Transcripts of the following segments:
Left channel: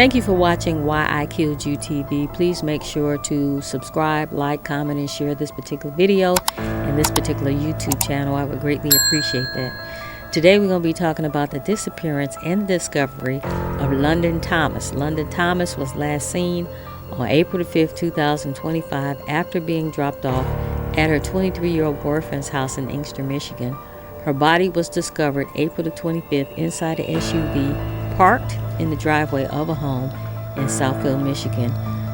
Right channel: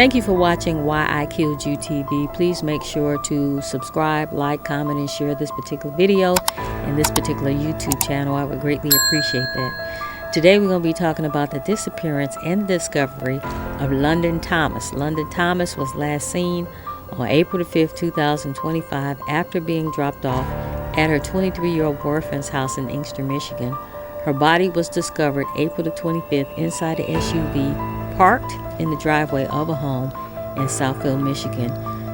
Thank you for watching Why I Killed You TV. Please make sure to subscribe, like, comment, and share this particular video and this particular YouTube channel. I would greatly appreciate that. Today we're going to be talking about the disappearance and the discovery of London Thomas. London Thomas was last seen on April the 5th, 2025 after being dropped off at her 23-year-old boyfriend's house in Inkster, Michigan. Her body was discovered April the 25th inside an SUV parked in the driveway of a home in Southfield, Michigan.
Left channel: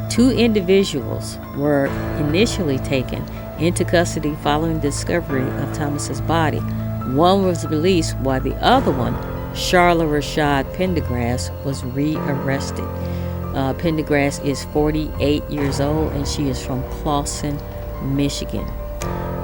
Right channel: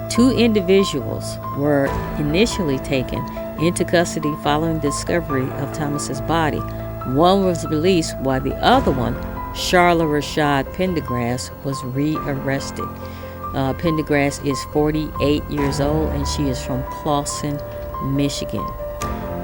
Two individuals were initially taken into custody following discovery of Thomas's body. One was released while the other one, Charla Pendergrass, was rearrested. Pendergrass is 48 years old and she is from Clawson, Michigan.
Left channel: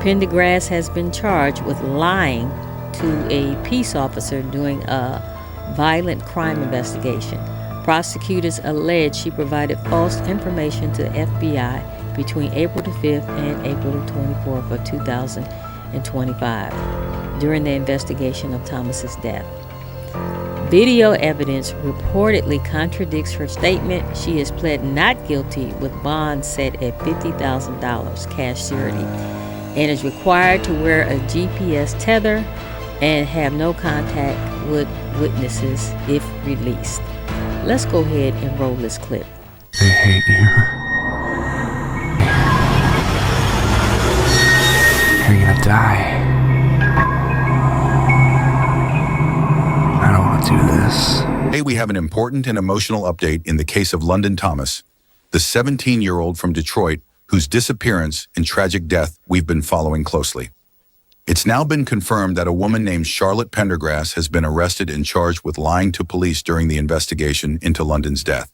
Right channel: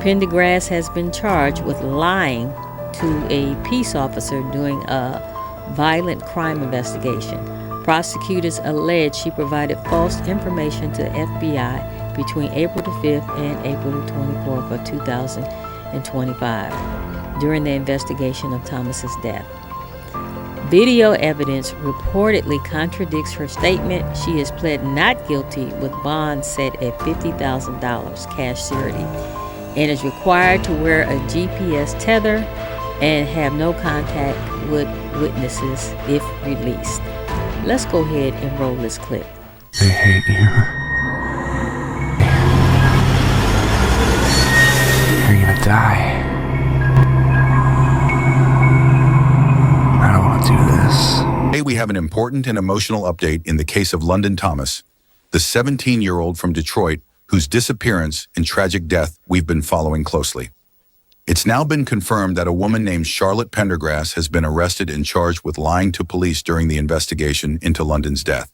Pendergrass has been charged with lying to a peace officer during a violent crime investigation. Prosecutors allege she provided false information to the FBI between April the 5th and April the 24th of 2025 during the investigation of Thomas's death. Video evidence reportedly contradicts her statement. She has pled not guilty with bond set at $50,000 cash surety and is required to wear a GPS tether and have no contact with witnesses if released. Let's go ahead and roll this clip. They hate you. You're gonna die. I don't want to do this. Today we have an important and emotional update in the case of London Thomas, the 17-year-old from Detroit whose disappearance and tragic death we've been following closely. It's now been confirmed that a woman named Charlotte Pendergrass has been arrested and charged with lying to police during the investigation into London's death.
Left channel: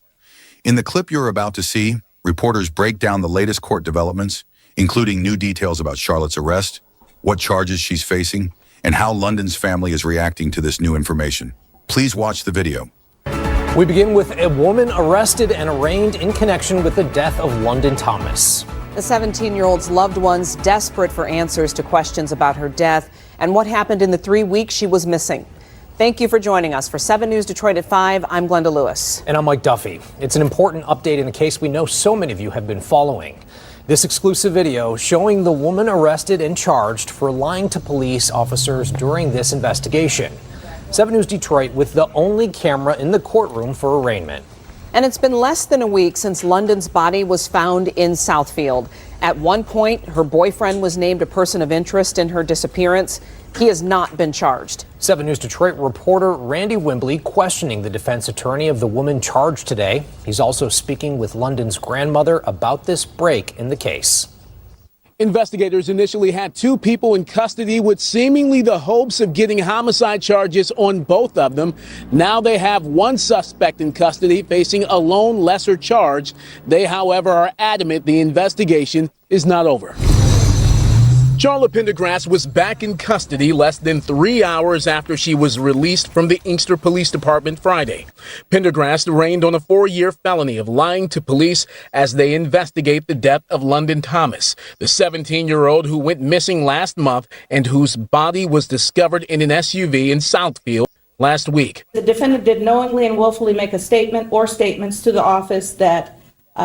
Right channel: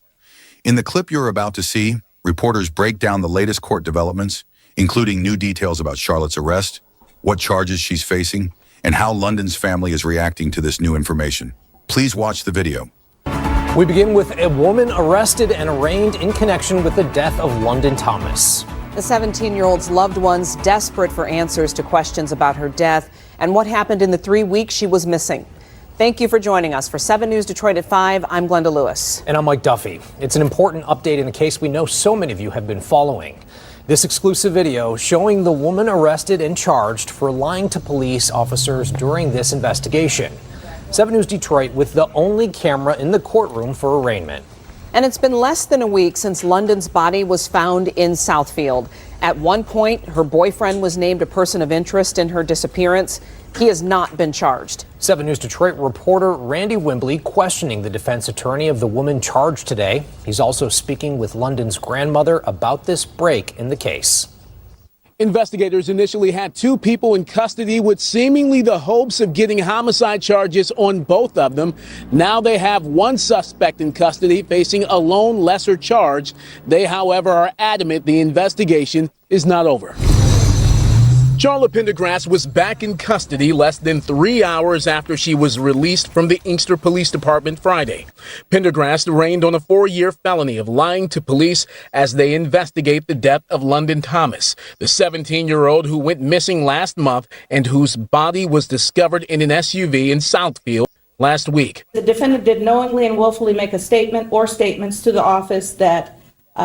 In the clip you're about to see, reporters break down the latest court developments, including new details about Charlotte's arrest, what charges she's facing, and how London's family is reacting to this new information. Please watch the video. We begin with a woman arrested and arraigned in connection with the death of London Thomas. The 17-year-old's loved ones desperate for answers to questions about her death and what happened in the 3 weeks she was missing. Thank you for joining us. For 7 News Detroit at 5, I'm Glenda Lewis. And I'm Mike Duffy. It's an important update in the case we know so many of you have been following. This exclusive video showing the woman arrested and charged for lying to police officers during this investigation. 7 News Detroit with the only camera in the courtroom for arraignment. And it's been less than a week since London's body was found in Southfield. At one point, her boyfriend was named a person of interest in her disappearance. He has not been charged. 7 News Detroit reporter Randy Wimbley questioning the defense attorney of the woman charged today. He's also speaking with London's grandmother about this break in the case. Investigators initially had two people in custody with seemingly the hopes of getting homicide charges on both of them. Now they have one suspect in custody facing a lone lesser charge. They, however, are adamant the investigation is not over. Charla Pendergrass was back in custody less than 3 hours after she was released from the Inkster Police Department Friday. Pendergrass arraigned on a 4-year felony of lying to police as they investigate the death of London Thomas, the 17-year-old who went missing last month and whose body was discovered in an SUV in Southfield last week. The defendant did knowingly and willfully make a statement or statements to the office that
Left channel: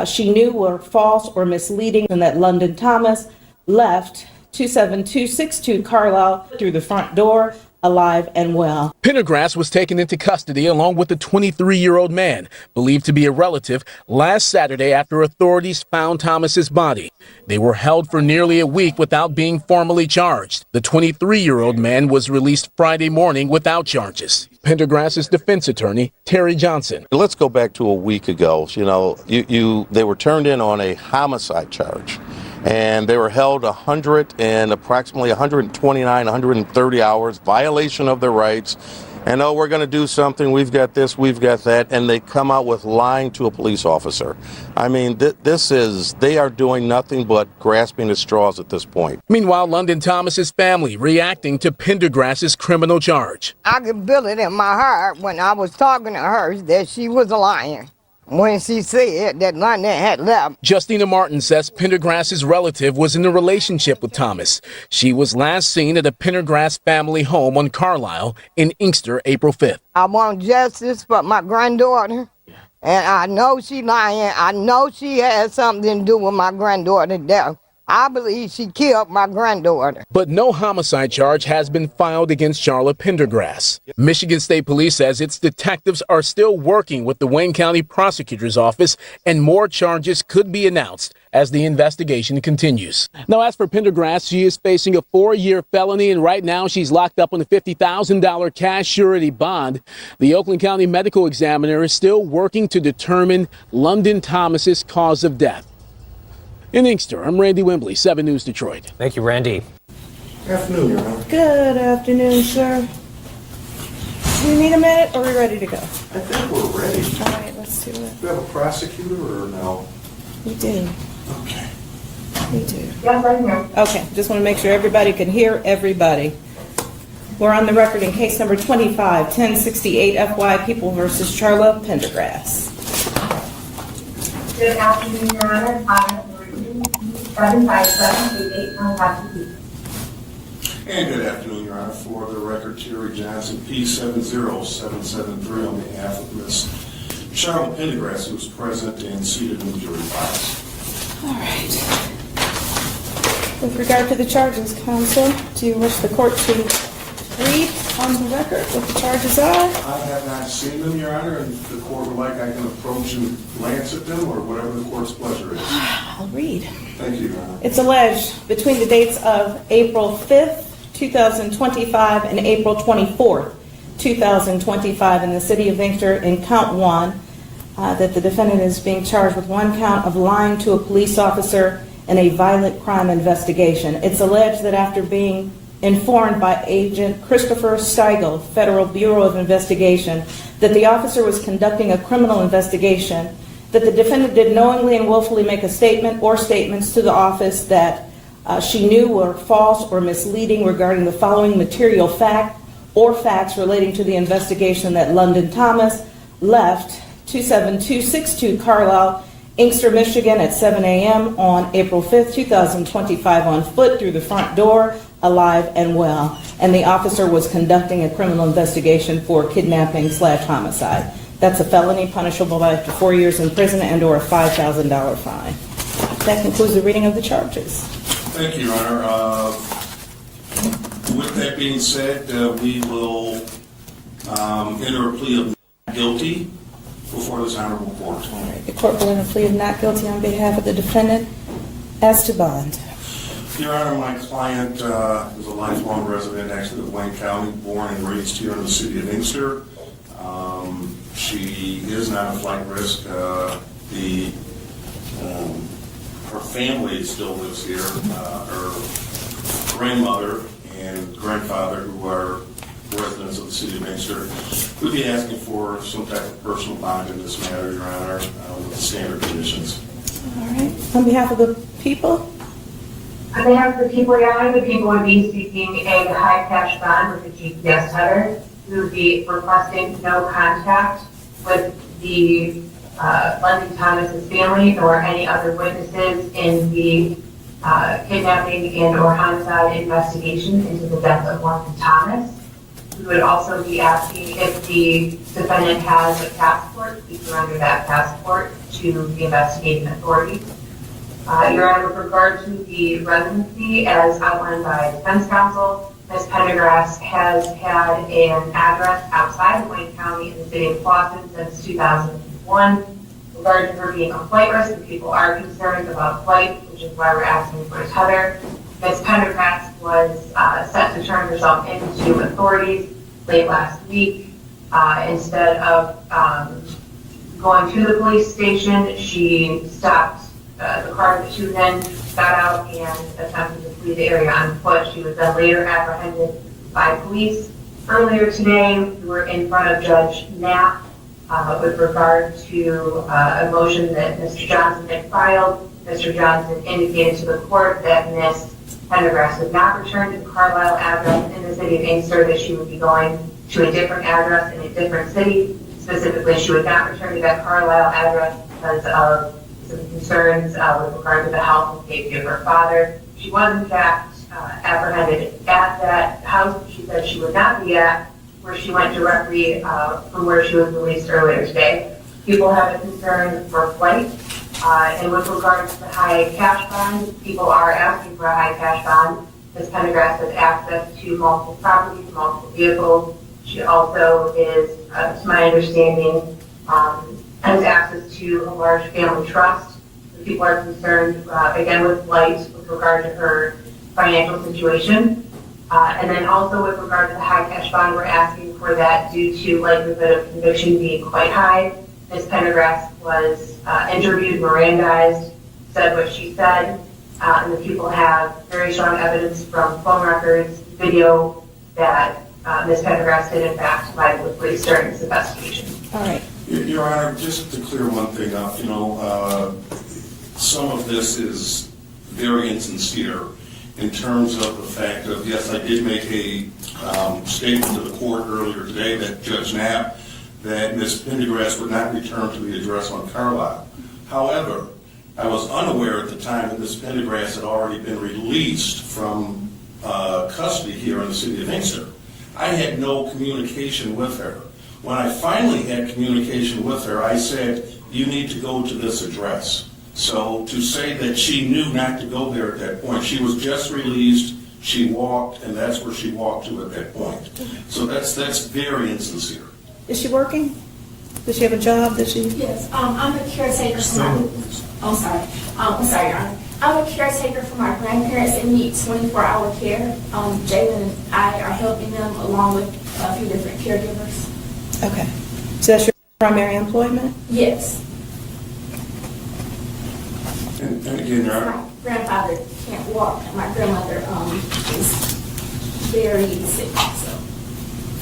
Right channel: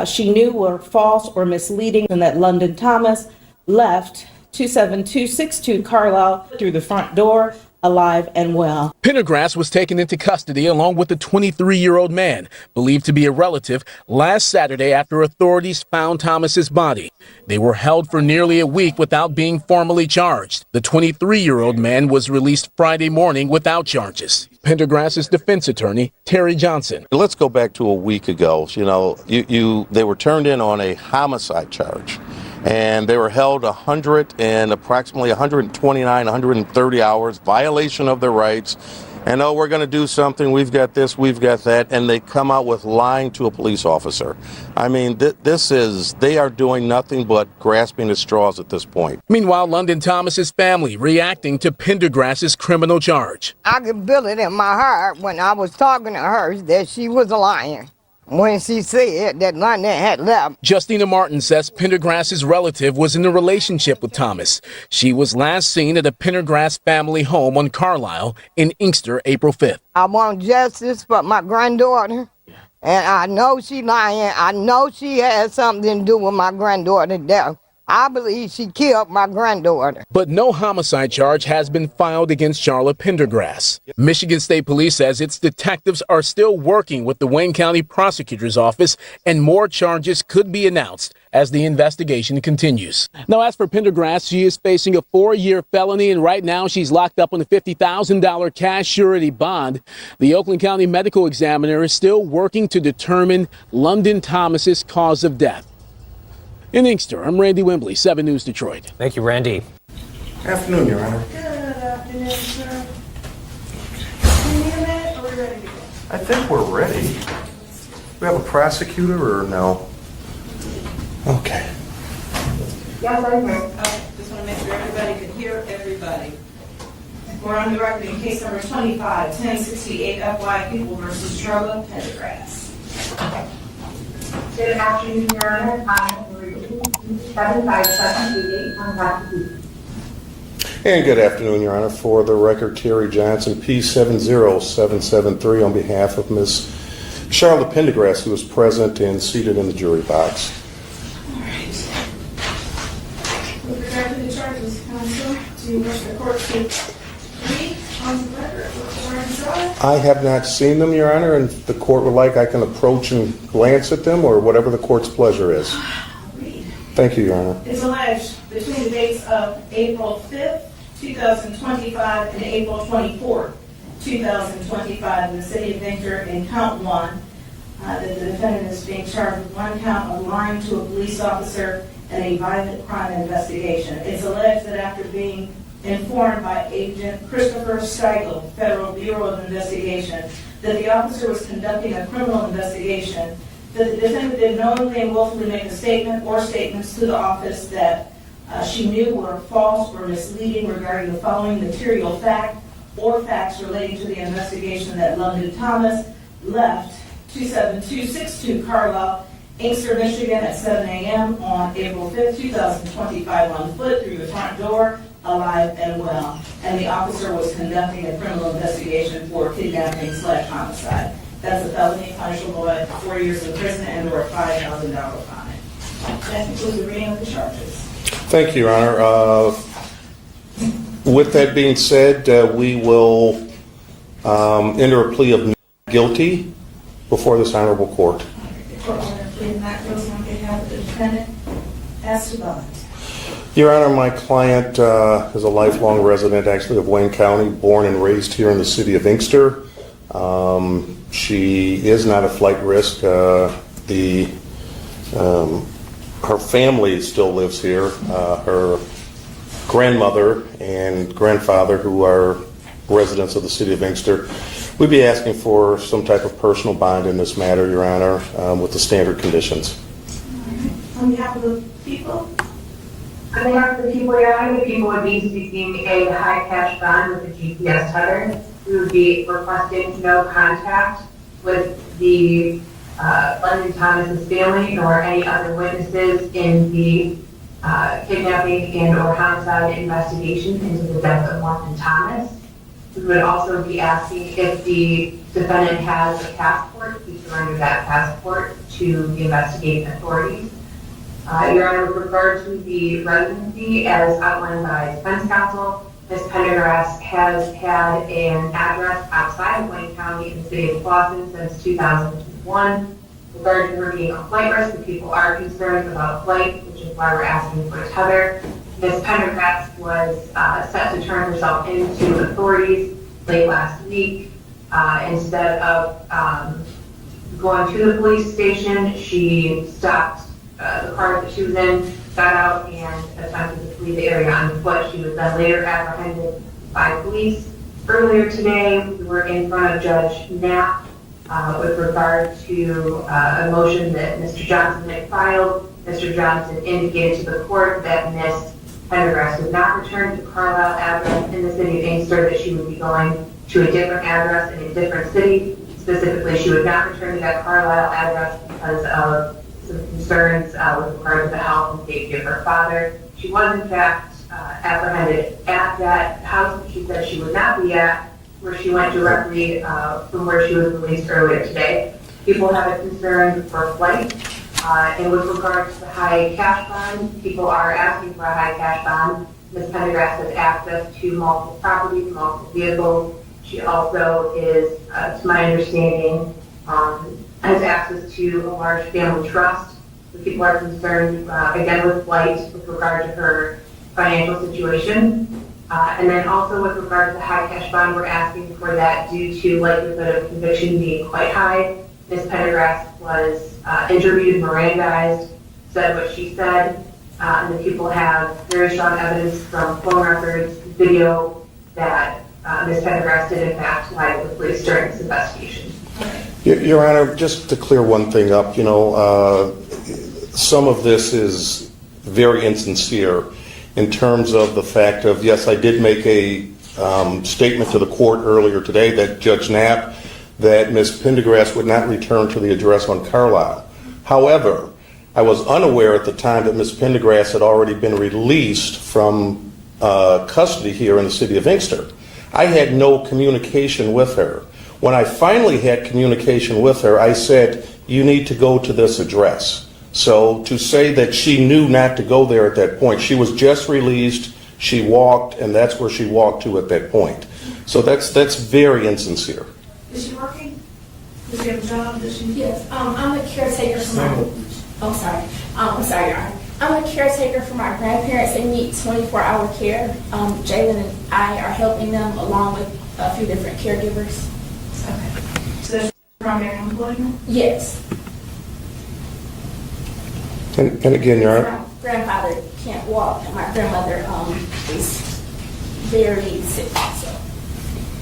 she knew were false or misleading and that London Thomas left 27262 Carlisle through the front door, alive and well. Pendergrass was taken into custody along with the 23-year-old man, believed to be a relative, last Saturday after authorities found Thomas's body. They were held for nearly a week without being formally charged. The 23-year-old man was released Friday morning without charges. Pendergrass's defense attorney, Terry Johnson. Let's go back to a week ago. They were turned in on a homicide charge. And they were held approximately 129, 130 hours, violation of their rights. And, we're going to do something. We've got this, we've got that. And they come out with lying to a police officer. I mean, they are doing nothing but grasping at straws at this point. Meanwhile, London Thomas's family reacting to Pendergrass's criminal charge. I could feel it in my heart when I was talking to her that she was lying. When she said that London had left. Justina Martin says Pendergrass's relative was in a relationship with Thomas. She was last seen at a Pendergrass family home on Carlisle in Inkster April 5th. I want justice for my granddaughter And I know she lying. I know she had something to do with my granddaughter's death. I believe she killed my granddaughter. But no homicide charge has been filed against Charla Pendergrass. Michigan State Police says its detectives are still working with the Wayne County Prosecutor's Office, and more charges could be announced as the investigation continues. Now, as for Pendergrass, she is facing a 4-year felony, and right now she's locked up on a $50,000 cash surety bond. The Oakland County Medical Examiner is still working to determine London Thomas's cause of death. In Inkster, I'm Randy Wembley, 7 News Detroit. Thank you, Randy. Afternoon, Your Honor. Good afternoon, sir. Do we need a minute, or are we ready to go? I think we're ready. All right, let's do it. We have a prosecutor or no? We do. Okay. We do. Okay, just want to make sure everybody can hear everybody. We're on the record in case number 25-1068 FY People versus Charla Pendergrass. Good afternoon, Your Honor. I'm 75738 Contact. And good afternoon, Your Honor. For the record, Terry Johnson, P70773, on behalf of Ms. Charla Pendergrass, who is present and seated in the jury box. All right. With regard to the charges, counsel, do you wish the court to read on the record what the charges are? I have not seen them, Your Honor, and if the court would like, I can approach and glance at them, or whatever the court's pleasure is. I'll read. Thank you, Your Honor. It's alleged between the dates of April 5th, 2025 and April 24th, 2025 in the city of Inkster in count 1 that the defendant is being charged with 1 count of lying to a police officer in a violent crime investigation. It's alleged that after being informed by Agent Christopher Steigel, Federal Bureau of Investigation, that the officer was conducting a criminal investigation, that the defendant did knowingly and willfully make a statement or statements to the office that she knew were false or misleading regarding the following material fact or facts relating to the investigation that London Thomas left 27262 Carlisle, Inkster, Michigan at 7 a.m. on April 5th, 2025 on foot through the front door, alive and well. And the officer was conducting a criminal investigation for kidnapping/homicide. That's a felony punishable by up to 4 years in prison and or a $5,000 fine. That concludes the reading of the charges. Thank you, Your Honor. With that being said, we will enter a plea of not guilty before this honorable court. All right. The court will enter a plea of not guilty on behalf of the defendant as to bond. Your Honor, my client is a lifelong resident, actually, of Wayne County, born and raised here in the city of Inkster. She is not a flight risk. Her family still lives here. Her grandmother and grandfather, who are residents of the city of Inkster, we'd be asking for some type of personal bond in this matter, Your Honor, with the standard conditions. All right. On behalf of the people? On behalf of the people, Your Honor, the people would be seeking a high cash bond with a GPS tether. We would be requesting no contact with the London Thomas's family nor any other witnesses in the kidnapping and or homicide investigation into the death of London Thomas. We would also be asking if the defendant has a passport, he surrender that passport to the investigating authorities. Your Honor, with regard to the residency, as outlined by defense counsel, Ms. Pendergrass has had an address outside of Wayne County in the city of Clawson since 2001. With regard to her being a flight risk, the people are concerned about flight, which is why we're asking for a tether. Ms. Pendergrass was set to turn herself into authorities late last week. Instead of going to the police station, she stopped the car that she was in, got out and attempted to flee the area on foot. She was then later apprehended by police. Earlier today, we were in front of Judge Knapp with regard to a motion that Mr. Johnson had filed. Mr. Johnson indicated to the court that Ms. Pendergrass would not return to the Carlisle address in the city of Inkster, that she would be going to a different address in a different city. Specifically, she would not return to that Carlisle address because of some concerns with regard to the health and safety of her father. She was, in fact, apprehended at that house that she said she would not be at, where she went directly from where she was released earlier today. People have a concern for flight. And with regards to the high cash bond, people are asking for a high cash bond. Ms. Pendergrass has access to multiple properties, multiple vehicles. She also is, to my understanding, has access to a large family trust. So people are concerned, again, with flight with regard to her financial situation. And then also with regard to the high cash bond, we're asking for that due to likelihood of conviction being quite high. Ms. Pendergrass was interviewed, Mirandized, said what she said, and the people have very strong evidence from phone records, video, that Ms. Pendergrass did in fact lie with police during this investigation. All right. Your Honor, just to clear one thing up, some of this is very insincere in terms of the fact of, yes, I did make a statement to the court earlier today that Judge Knapp that Ms. Pendergrass would not return to the address on Charla. However, I was unaware at the time that Ms. Pendergrass had already been released from custody here in the city of Inkster. I had no communication with her. When I finally had communication with her, I said, you need to go to this address. So to say that she knew not to go there at that point, she was just released, she walked, and that's where she walked to at that point. So that's very insincere. Is she working? Does she have a job? Does she? Yes, I'm a caretaker for my. I'm sorry, Your Honor. I'm a caretaker for my grandparents. They need 24-hour care. Jalen and I are helping them along with a few different caregivers. Okay. So that's your primary employment? Yes. And again, Your Honor. My grandfather can't walk, and my grandmother is very sick. So.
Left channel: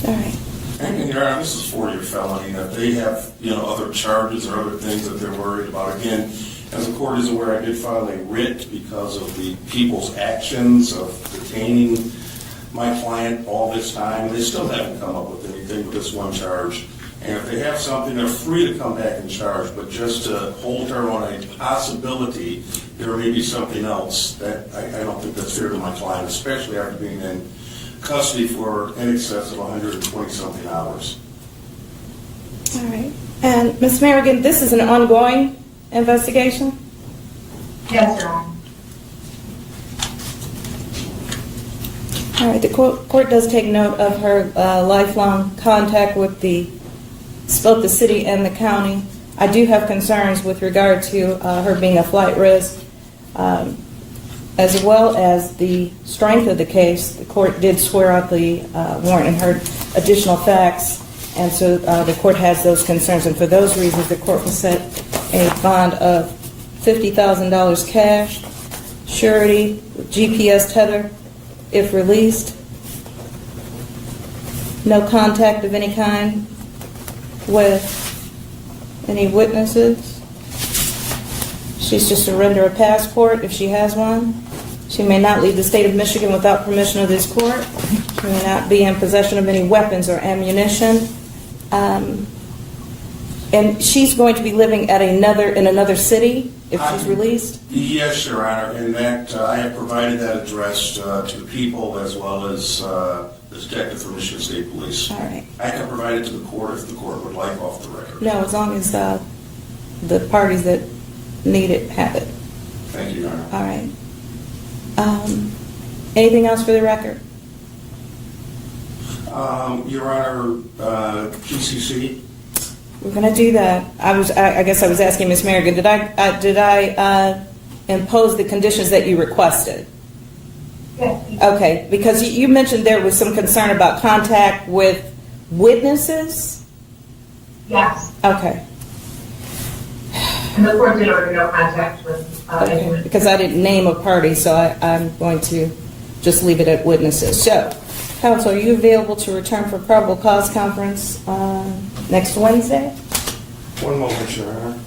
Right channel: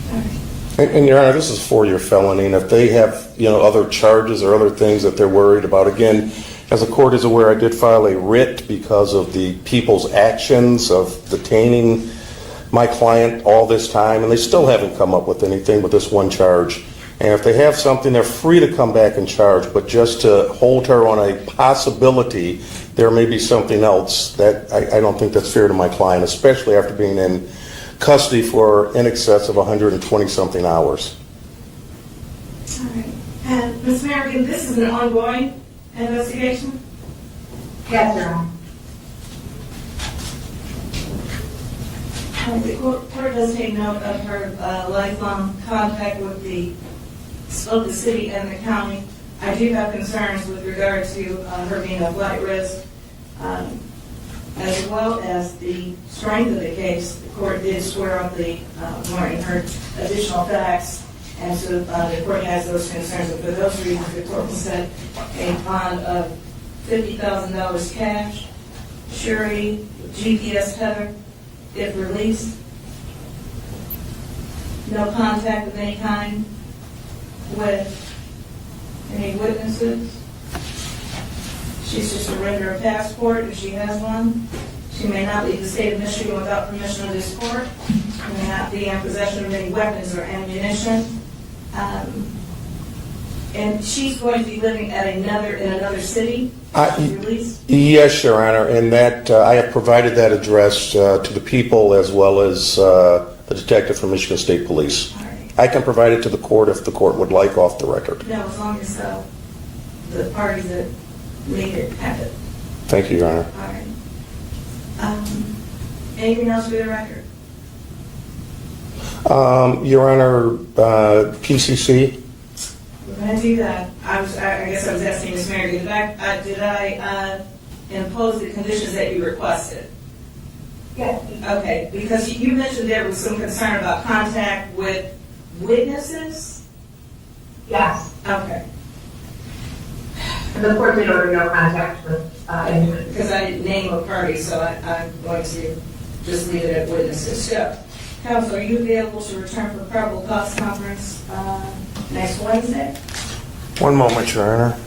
All right. And Your Honor, this is a 4-year felony, and if they have, other charges or other things that they're worried about, again, as the court is aware, I did file a writ because of the people's actions of detaining my client all this time, and they still haven't come up with anything but this one charge. And if they have something, they're free to come back and charge, but just to hold her on a possibility there may be something else, that I don't think that's fair to my client, especially after being in custody for in excess of 120-something hours. All right. And Ms. Merrigan, this is an ongoing investigation? Yes, Your Honor. All right. The court does take note of her lifelong contact with both the city and the county. I do have concerns with regard to her being a flight risk, as well as the strength of the case. The court did swear out the warrant and heard additional facts, and so the court has those concerns, and for those reasons the court will set a bond of $50,000 cash, surety, GPS tether, if released, no contact of any kind with any witnesses. She's to surrender a passport if she has one. She may not leave the state of Michigan without permission of this court. She may not be in possession of any weapons or ammunition. And she's going to be living at in another city if she's released? Yes, Your Honor, and that I have provided that address to the people as well as the detective from Michigan State Police. All right. I can provide it to the court if the court would like off the record. No, as long as the parties that need it have it. Thank you, Your Honor. All right. Anything else for the record? Your Honor, PCC? We're going to do that. I guess I was asking Ms. Merrigan, did I impose the conditions that you requested? Yes. Okay, because you mentioned there was some concern about contact with witnesses? Yes. Okay. And the court did order no contact with anyone. Because I didn't name a party, so I'm going to just leave it at witnesses. So, counsel, are you available to return for probable cause conference next Wednesday? One moment, Your Honor.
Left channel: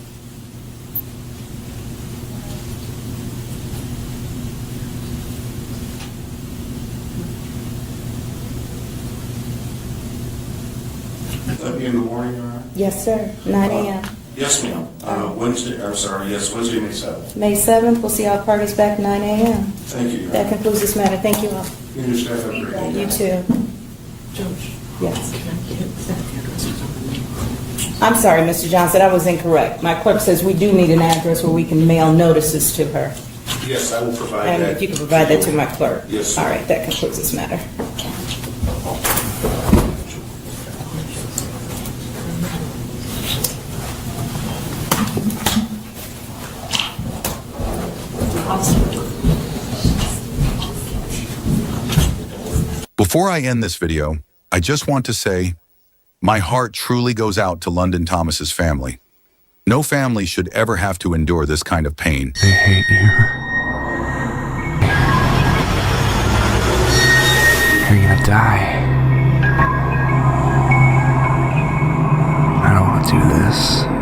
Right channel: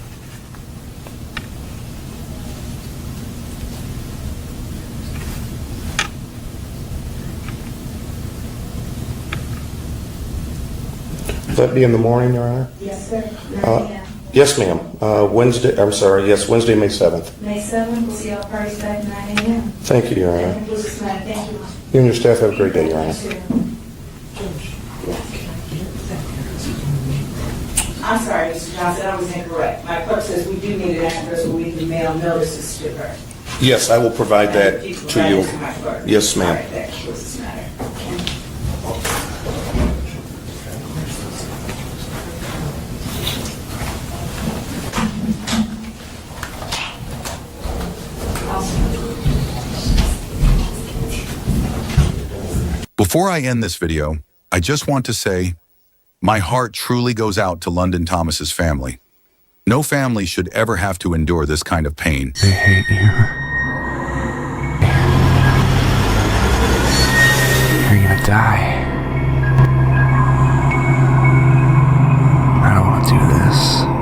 Would that be in the morning, Your Honor? Yes, sir. 9 a.m. Yes, ma'am. Wednesday, Wednesday, May 7th. May 7th, we'll see all parties back 9 a.m. Thank you, Your That Honor. concludes this matter. Thank you all. You and your staff have a great day, Your Honor. You too. Yes. I'm sorry, Mr. Johnson, I was incorrect. My clerk says we do need an address where we can mail notices to her. Yes, I will provide And that if you can to provide you. that to my clerk. Yes, ma'am. All right, that concludes this matter. Before I end this video, I just want to say, my heart truly goes out to London Thomas's family. No family should ever have to endure this kind of pain. They hate you. You're gonna die. I don't want to do this.